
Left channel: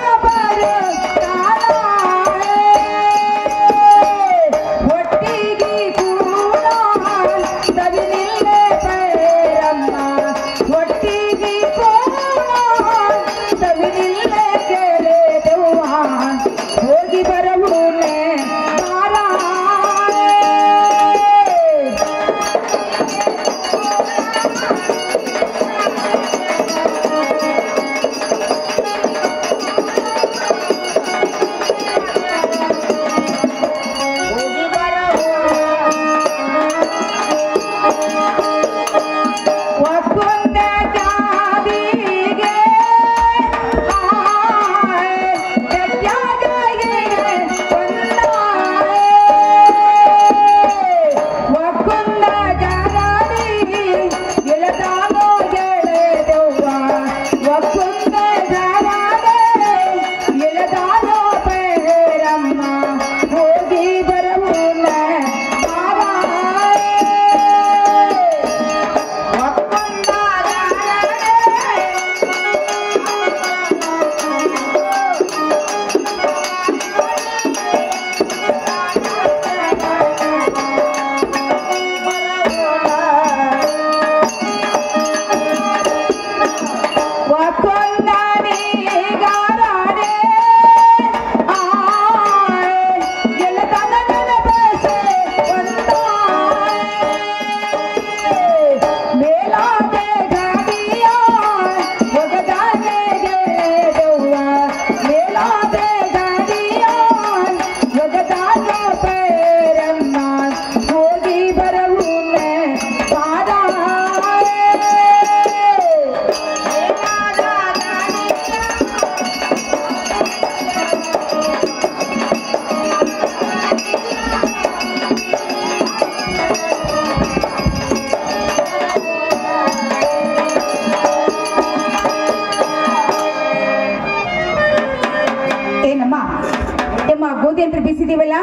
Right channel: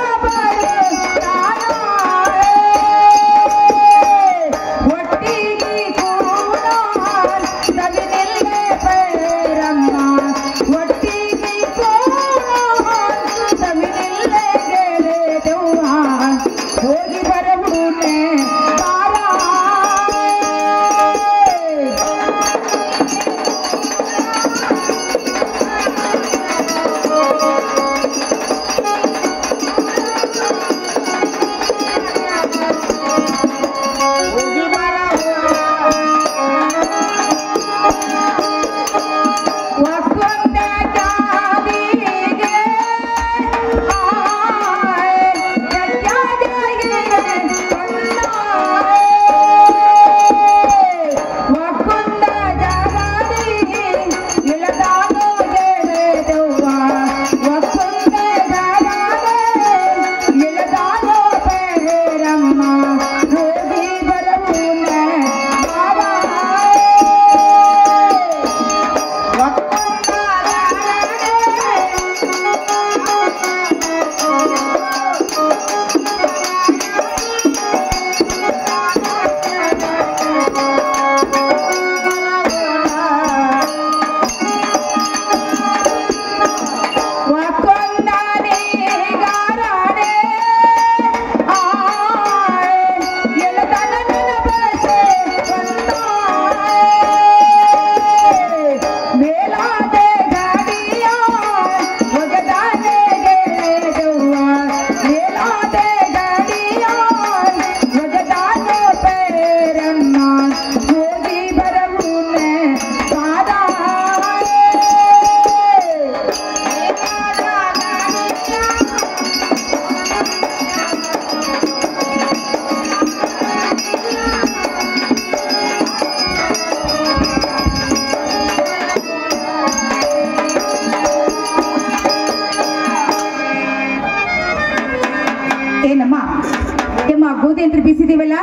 ಅಂತ ಬೀಸಿದೀವಲ್ಲ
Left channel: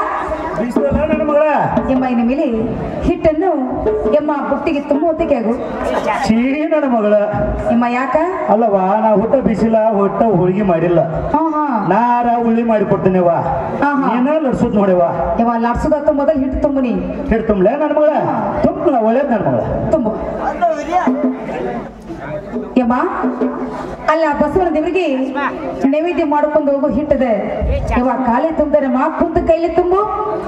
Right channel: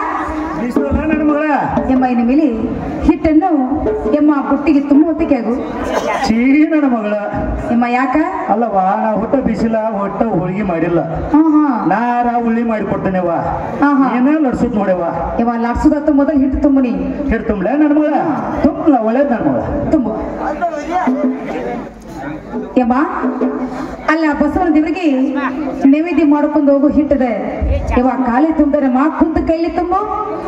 ಬೀಸಲ್ಲ ನನ್ನ ಮಗಳ ಎಮ್ಮ ಇನ್ನು ಮೇಲೆ ಹಿಟ್ಟನ್ನು ಎಮ್ಮ ಬುಟ್ಟಿಗೆ ತುಂಬ ಹೊತ್ತಿಗೆ ಆಗು ಚೀ ನನ್ನ ಮಗಳ ಎಮ್ಮ ಯಾಕ ಅಲ್ಲವಾ ನಾ ಹುಟ್ಟ ಬಿಸಿಲ ಹೊಟ್ಟ ಹೋಳಿಗೆ ಮಾಡಿಲ್ಲ ಹಾ ಹಾ ನಾರ ಉಳ್ಳಿ ಮಾಡಿ ಕೊಡ್ತೇನೆವ ಹಾ, ಹಾ. ಏನ ಲಡ್ಸೋದ್ ನೋಡ್ಯವ ಎಮ್ಮ ಲಾಡ್ಸೋದತ್ತ ಮೊದಲು ಹಿಟ್ಟು ತುಂಬುನಿ ಹಿಡ್ ತುಂಬಲೆ ನನ್ನ ಮಗಳ ತುಂಬಲ ಒಳ್ಳೇದ್ ನನ್ನ ಮಗಳ ತುಂಬು ಯಮ್ಮ ಅಲ್ಲ ಬಸವನ ದೇವರಿಗೆ ನೈವೇದ್ಯ ಮಾಡ್ಕೊಂಡು ಹೋಗು ಹಿಟ್ಟದೆ ಯವ್ವ ಕಾಲಿ ತುಂಬಿದ್ರೆ ಮಾ ಕುಂತ ಕೈಲಿ ತುಂಬು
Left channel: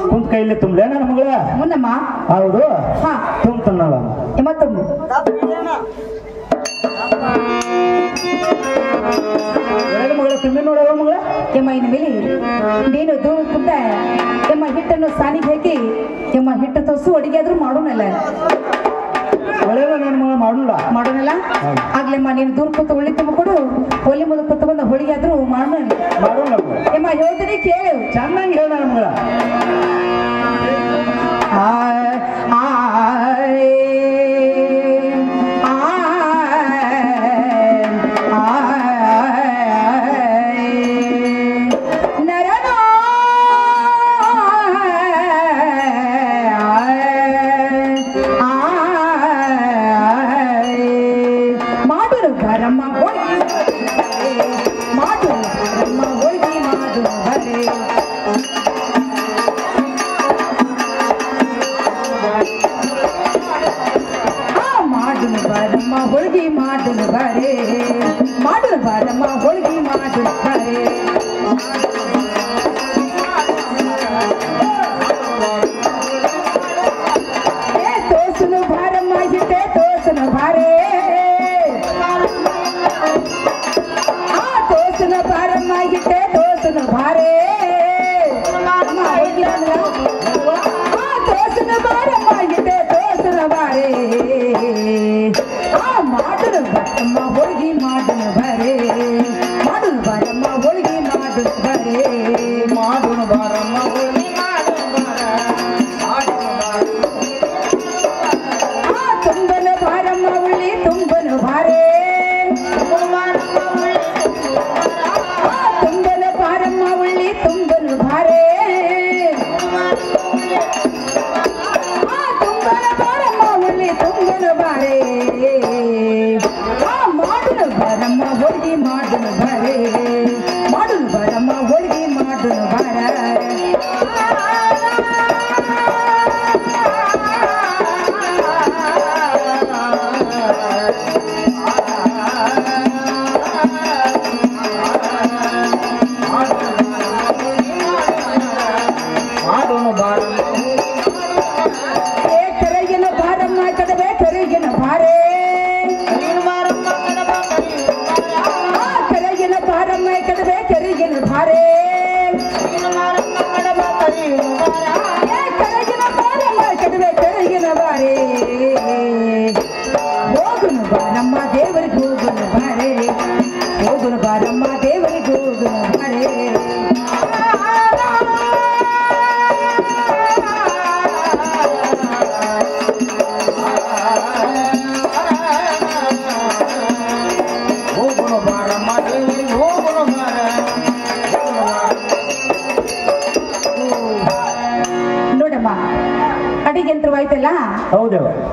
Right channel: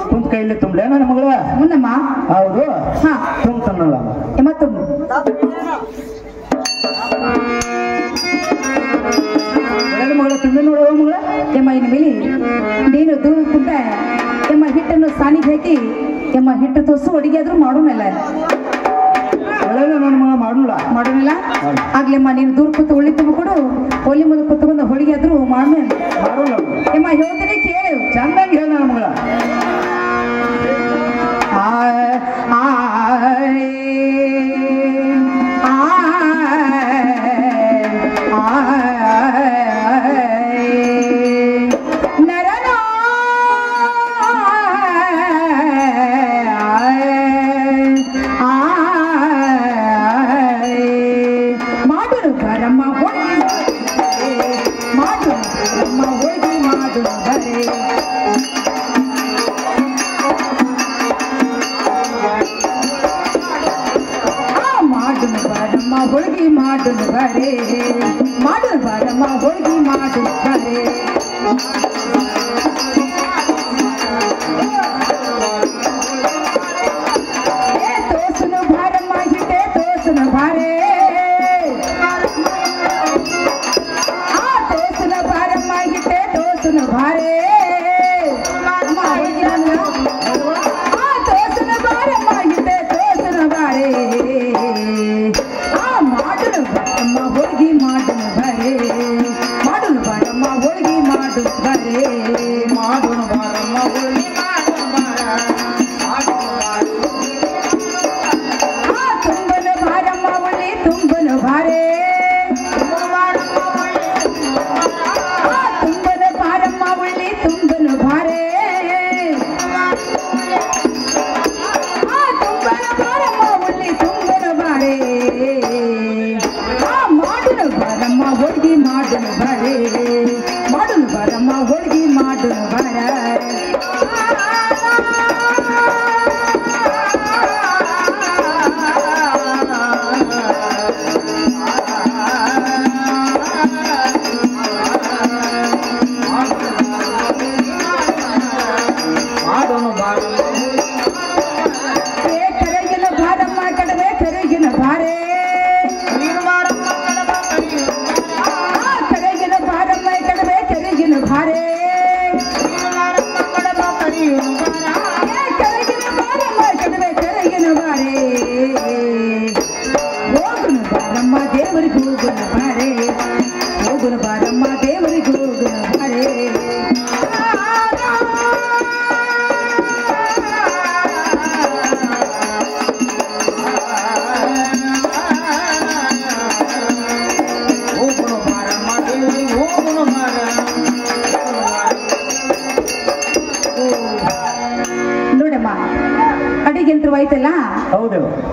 ಕುಂತ ಕೈಲಿ ತುಂಬಲೆ ನನ್ನ ಮಗಳ ಮುನ್ನಮ್ಮ ಹೌದು ಹಾ ತುಂಬತನಲ್ಲ ಯಮ್ಮ ತುಂಬು ಒಳ್ಳೆ ಮಗಳ ತುಂಬಿ ನೋಡವ ಮಗಳ ಯಮ್ಮ ಇನ್ನು ಮೇಲೆ ನೀನು ದೂರ ಕುಂತ ಯಮ್ಮ ಹಿಟ್ಟನ್ನು ಸಾನಿಗೆ ಹಾಕಿ ಯಮ್ಮ ಹಿಟ್ಟು ತೋಸು ಅಡಿಗೆ ಆದ್ರೂ ಮಾಡೋಣಲ್ಲ ಒಳ್ಳೆ ನನ್ನ ಮಗಳ ಮಾಡೋಣ ಮಾಡೋಣಲ್ಲ ಆಗ್ಲಮ್ಮ ನೀನು ದೂರ ಕೂತು ಒಳ್ಳೆ ತುಂಬಿಕೊಡು ಒಲೆ ಮುಂದೆ ಕೂತ್ಕೊಂಡು ಹೋಳಿಗೆ ಆದ್ರೂ ಮಾಡೋಣ ಮಾಡೋಣ ಯಮ್ಮ ಹೇಳ್ತೀನಿ ಕೇಳು ಚೆನ್ನಾಗಿ ಹೇಳ ನನ್ನ ಮಗಳ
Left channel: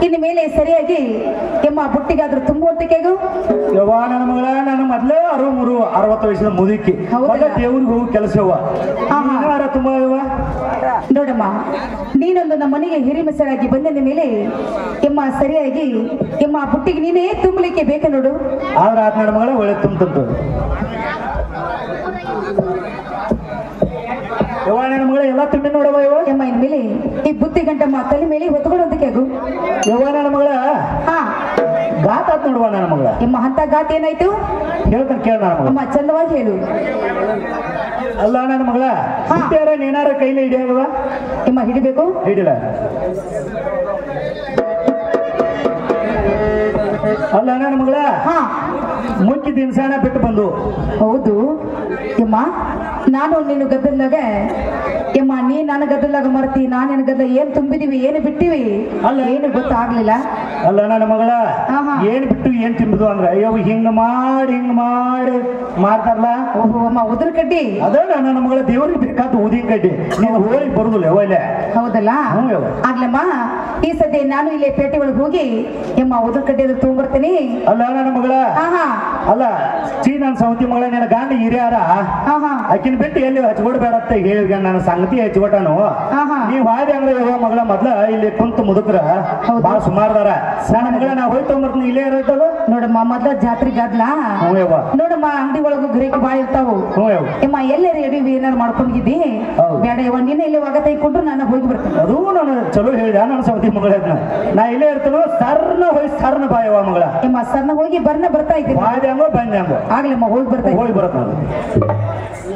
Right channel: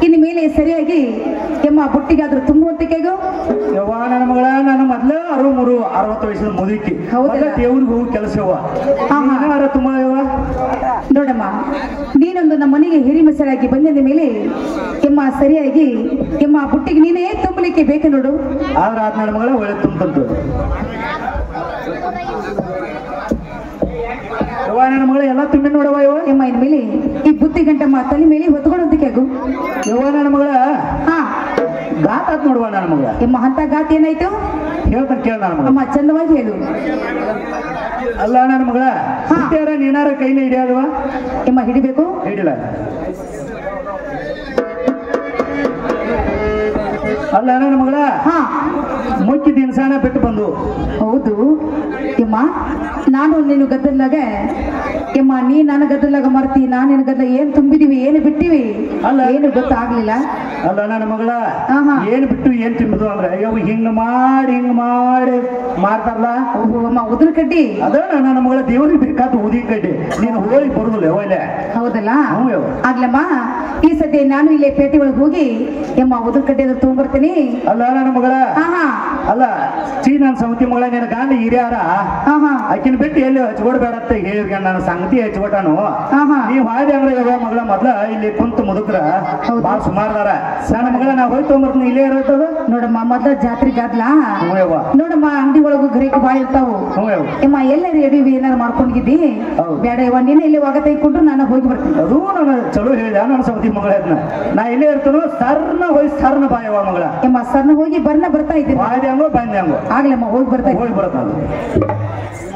ಇನ್ನು ಮೇಲೆ ಸರಿಯಾಗಿ ಎಮ್ಮ ಬುಟ್ಟಿಗಾದ್ರೂ ತುಂಬ ಹೊತ್ತಿಗೆಗು ಯವ್ವ ನನ್ನ ಮಗಳ ನನ್ನ ಮೊದ್ಲೇ 60 ವಯಸ್ಸಿನ ಮುದುಕಿ ದೇವ್ರಿಗೆ ಹೋಗಿ ಕೆಲಸವ ತುಂಬಾ ಯವ್ವ ನೋಡಮ್ಮ ನೀನೊಂದು ನಮ್ಮ ಮನೆಗೆ ಹಿರಿಮೆಸರಾಗಿ ಬಂದಿದ ಮೇಲೆ ಎಮ್ಮ ಸರಿಯಾಗಿ ಎಮ್ಮ ಬುಟ್ಟಿಗೆ ನೀನೇ ತುಂಬಲಿಕ್ಕೆ ಬೇಕು ನೋಡು ಆದ್ರೆ ನನ್ನ ಮಗಳ ಒಳ್ಳೆ ತುಂಬಂತು ಯವ್ವ ನನ್ನ ಮಗಳ ಎಲ್ಲ ತುಂಬಿ ನೋಡವ ಯವ್ವ ಎಮ್ಮ ಇನ್ಮೇಲೆ ಈ ಬುತ್ತಿ ಗಂಟಮ್ಮ ತಲೆ ಮೇಲೆ ಹೊತ್ಕೊಳ್ಳೋದಕ್ಕೆ ಆಗು ಯವ್ವ ನನ್ನ ಮಗಳ ಹಾ ಗಾತ ಆತ್ ನೋಡುವ ನನ್ನ ಮಗಳ ಎಮ್ಮ ಅಂತ ಗಾತ ಏನಾಯ್ತು ಹೇಳ್ತಾನೆ ಕೇಳ ನನ್ನ ಮಗ ಅಮ್ಮ ಚಂದವಾಗಿ ಹೇಳು ಅಲ್ಲ ನನ್ನ ಮಗಳ ನೀನಾರ ಕೈಲಿ ಹಿಡಿಯೋದವ ಎಮ್ಮ ಹಿಡಿಬೇಕು ಹಿಡಿಲ್ಲ ಅಲ್ಲ ನನ್ನ ಮಗಳ ಹಾ ಮುಖ್ಯ ದಿನಸಣ ಬಿಟ್ಟು ಬಂದು. ಹೌದು ಯಮ್ಮ, ನಾನು ನೀನು ಗದ್ದಲಾಗ ಯಮ್ಮ, ನೀ ನನ್ನ ಗದ್ದಲಾಗ ಮರ್ತಿ, ನಾನು ನಿನ್ನ ಗದ್ದಲ ಏನ್ ತುಂಬಿದೀವಿ ಏನು ಬಿಟ್ಟಿವಿ ಅಲ್ಲ. ಏನು ಗೊತ್ತಾಗ್ಲಿಲ್ಲ. ಅಲ್ಲ ನನ್ನ ಮಗಳ ಆಹಾ. ಏನ್ ಬಿಟ್ಟು ಏನ್ ತಿಂಬುದು ಅಂದ್ರೆ ಅಯ್ಯೋ ಹಿಂಗ ಮಾಡಿ ಮಾಡ್ತಾರಲ್ಲ. ಓಹೋ ಅಮ್ಮ, ಉದ್ರ ಕಡ್ಡಿ. ಅದ ನನ್ನ ಮಗಳ ದೇವರಿಗೆ ಬೇಕಾದ ಉದಿನ ಕಡ್ಡಿ ನೀನು ಹೋಗಿ ಬರುದಿಲ್ಲ ಒಳ್ಳೆ. ಹೌದಲ್ಲ, ಹ್ಞೂ ಯವ್ವ. ಆಗ್ಲಮ್ಮ ಈ ಸದ್ಯ ನಾನು ಇಲ್ಲೇ ಪೇಟೆ ಒಳಗೆ ಹೋಗಿ ಯಮ್ಮ ಉದ್ರ ಕಡ್ಡಿ ಅದು ತಗೊಂಡ್ಬರ್ತೀನಿ. ಅಲ್ಲ ನನ್ನ ಮಗಳ ಆಹಾ ಅಲ್ಲ ನನ್ನ ಸೌತಿ ಮಗಳ ನಿನ್ನ ಗಾಂಧಿ ಹಿರಿಯಾರ ಆಹಾ ಆಕಿನ ಬಿಟ್ಟು ಎಲ್ಲಿ ಹಚ್ಕೊಡ್ಬೇಡ ಅಂತ ಹೇಳಿ ನನ್ನ ಸಂಗತಿ ಹಚ್ಕೊಟ್ಟಾನು. ಆಹಾ ನೀವ್ ಹಾದಿ ಅಂದ್ರೆ ಯಾವ ಮಗಳ ಮೊದ್ಲ ಇಲ್ಲಿ ಕುಂತ ಮುದುಕ್ರ ಹೌದು. ಬಾಳ ಸುಮಾರದಾರ. ನನ್ನ ಮಗಳ ನಾ ಹೋಗಿ ತೊಗೊಂಬರ್ತೀನಿ, ಇಲ್ಲೇ ಇರ್ತದ. ನೋಡಮ್ಮ, ಮೊದ್ಲ ಜಾತ್ರೆ ಗದ್ಲ ಹ್ಞೂ ಯವ್ವ. ನೋಡಮ್ಮ, ಅಂಗಡಿ ಒಳಗು ಗರಿಕೆ ಬಾಳ ಇರ್ತಾವು. ಹ್ಞೂ ಯವ್ವ. ಯಮ್ಮ ಎಲ್ಲರೂ ಎಡಿವಿ ಏನಾರು ಮಾಡ್ಕೊಂಡಿದ್ದಿ ಹೌದು. ಬೇಡ ಯವ್ವ, ನೀನೇ ಇಲ್ಲಿ ಒಗ ತೆಗೆದುಕೊಂಡು ನಾನು ಹೋಗಿ ಬರ್ತೀನಿ. ಅದು ನಾನು ಚಲೋ ಹೇಳಿದ ನನ್ನ ಸೌತಿ ಮಗಳ ನಾ ಇಲ್ಲೇ ಇರ್ತೇನೋ ಸರ್ನ ಹೋಗಿ ಸರ್ನ ಬಾಯವ ಮಗಳ. ಯಮ್ಮ ಸರ್ನ ಹೋಗಿ ಬರ್ತಾ ಇದ್ದೀನಿ. ಬಾಯ್ದೆ ಹಂಗೋ ಬಂದೆ ಹಂಗೋ ಆಗ್ಲಮ್ಮ ಹೋಗಿ ಬರ್ತಾ ಇದ್ದೀನಿ. ಹೋಗಿ ಬರತ್ತ.